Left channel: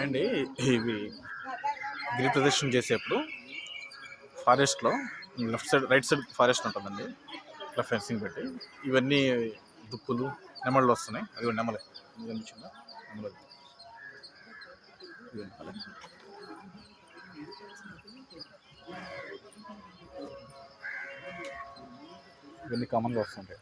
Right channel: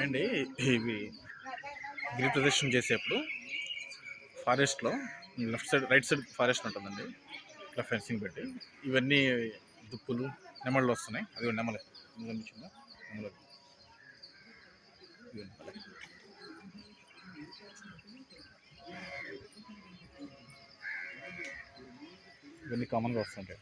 అండి ఇవి గిరి ప్రదర్శన చేసేప్పుడు ఫారెస్ట్లో left side right side forest ఉంటుందండి. ఇట్లా ఫెన్సింగ్ పెట్టి ఇవన్నీ దుప్పులు నెమళ్ళు వస్తున్నాయి. అది నెమలే నెమలి ఇవన్నీ కామన్గా వస్తుంటాయి.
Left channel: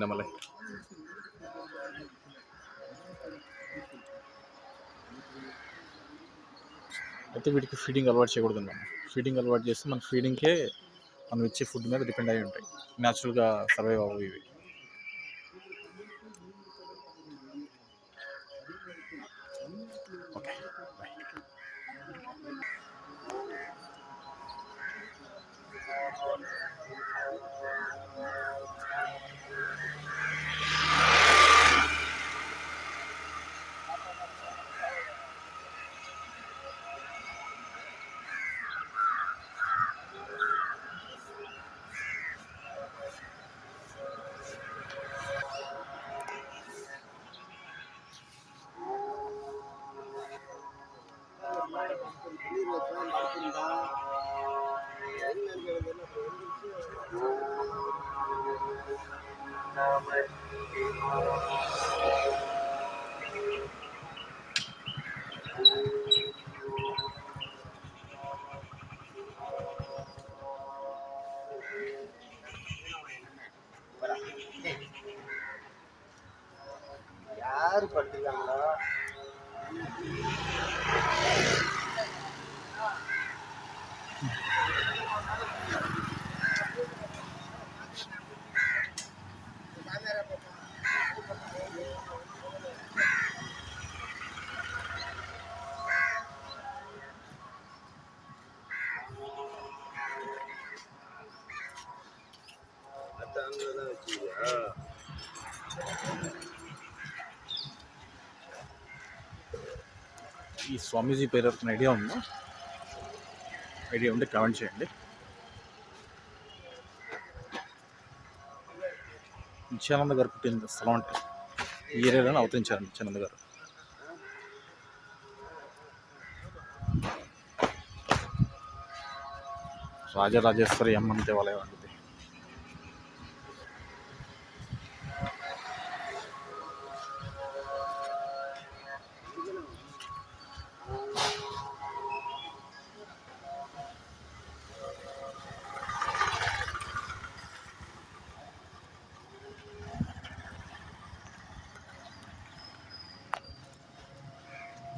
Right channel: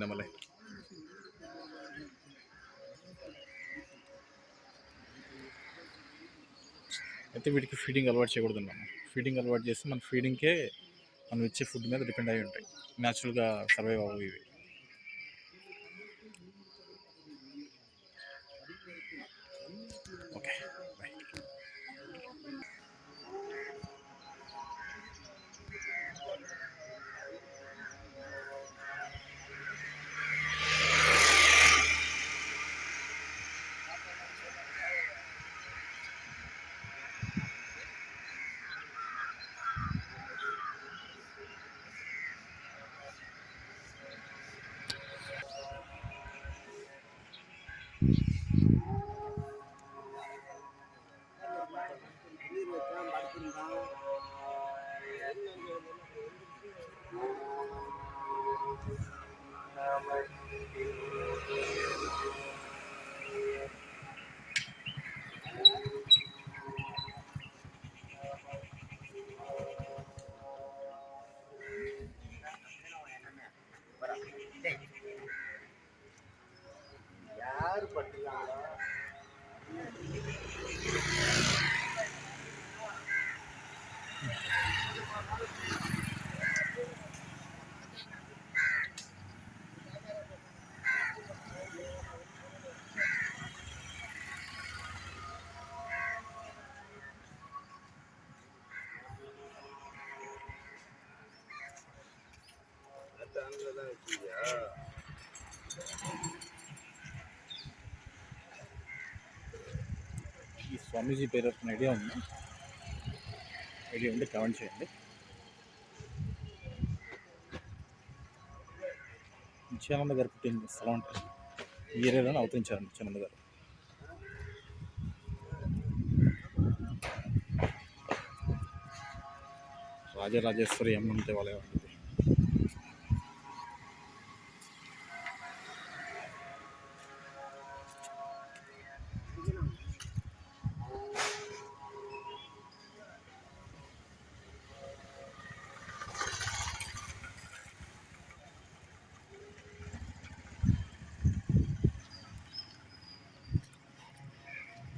నెమలే అయితే వీటికి ఫీడింగ్ అలవాటు చేయకూడదు. మనం ఫీడింగ్ అలవాటు చేస్తే మన ఫీడింగ్కే మనం ఇచ్చే ఫుడ్ మీద డిపెండ్ అయి ఉంటాయి. న్యాచురల్గా సర్వైవ్ అవ్వవు ఇవి. ఓకే யாரு படுத்துருக்காங்களோ தான் வச்சுக்கியா. ఈ స్వామీజీ పేరు ఐడియా ఉందా? ఐడియా ఉంటే కామెంట్ చేయండి. నిత్యానంద గారు పుట్టిన స్థలం అంటే ఈ ఏరియాలోనే అవతరించారు నిత్యానంద గారు. రాజరాజేశ్వరి అమ్మన్ దేవాలయం అంటే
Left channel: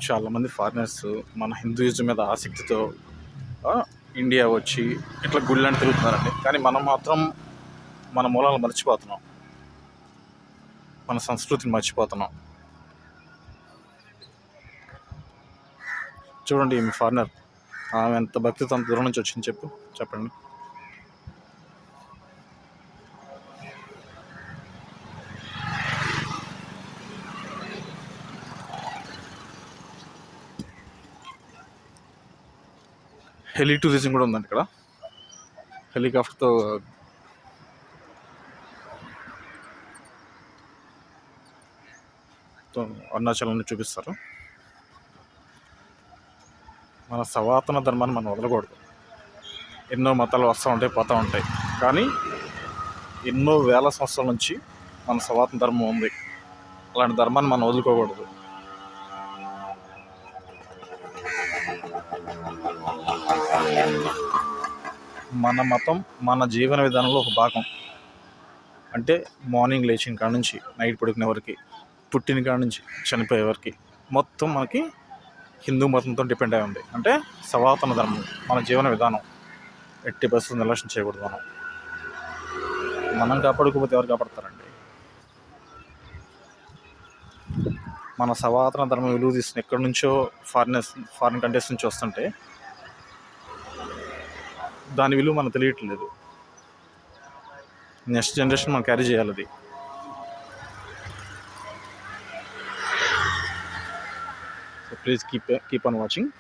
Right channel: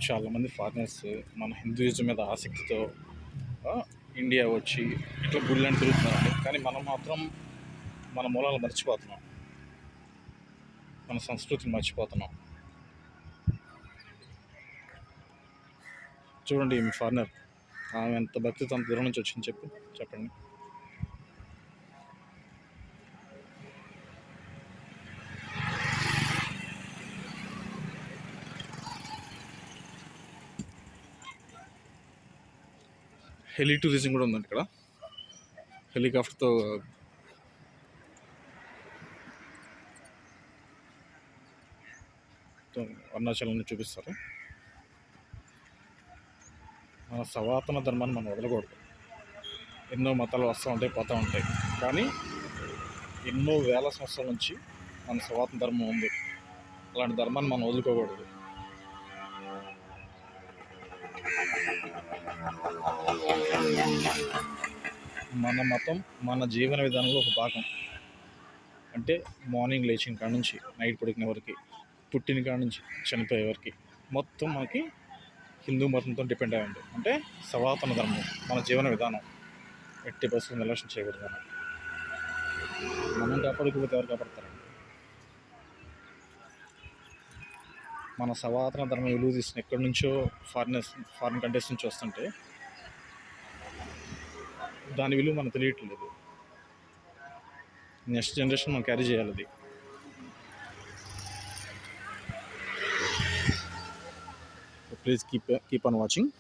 చాలామంది ఫారినర్స్ మన హిందూయిజం మీద ఆసక్తితో ఇండియా వచ్చి ఇట్లా గుళ్ళని తిరుగుతున్నారండి. కానీ మనం మాత్రం మన మూలాలను మర్చిపోతున్నాం, మన సంస్కృతిని మర్చిపోతున్నాం. చూడండి మీ ఫారినర్ ఆమె ఎంత భక్తితో అంత దూరం నుంచి వచ్చింది చెప్పండి. హెలి టూరిజం కూడా ఉందండి ఇక్కడ. హెలికాప్టర్తో అరుణాచలాన్ని చూపిస్తారు. మన సనాతన ధర్మాన్ని మనం వదలకూడదు. ఎన్నో మతాలు వస్తూ ఉంటాయి, పోతూ ఉంటాయి. కానీ ఎన్నో వేల సంవత్సరాల నుంచి మన సనాతన ధర్మం ఉంది. అలాంటి ధర్మాన్ని మనం వదులుకోకూడదు. మన మతం మన జీవన విధానంలో ఒక భాగం. అంటే మార్నింగ్ లేచిన కాడ నుంచి నైట్ పడుకునే వరకు, పుట్టిన కాడ నుంచి చనిపోయే వరకు మొత్తం మనకి హిందూ మతంతో డిపెండ్ అయి ఉంది. అంటే సనాతన ధర్మం మన జీవన విధానం. ఎట్టి పరిస్థితులు నిర్లక్ష్యం చేయకూడదు. మనం కాపాడుకోకపోతే ఎవరు కాపాడతారండి? మన సనాతన ధర్మం విలువ తీసుకుని ఎక్కడి నుంచో ఫారిన్ కంట్రీస్ నుంచి వస్తుంటే దాని విలువ మనకు తెలియట్లేదు. నెక్స్ట్ జనరేషన్ మనం క్యారీ చేయాలి అది. So please keep on watching.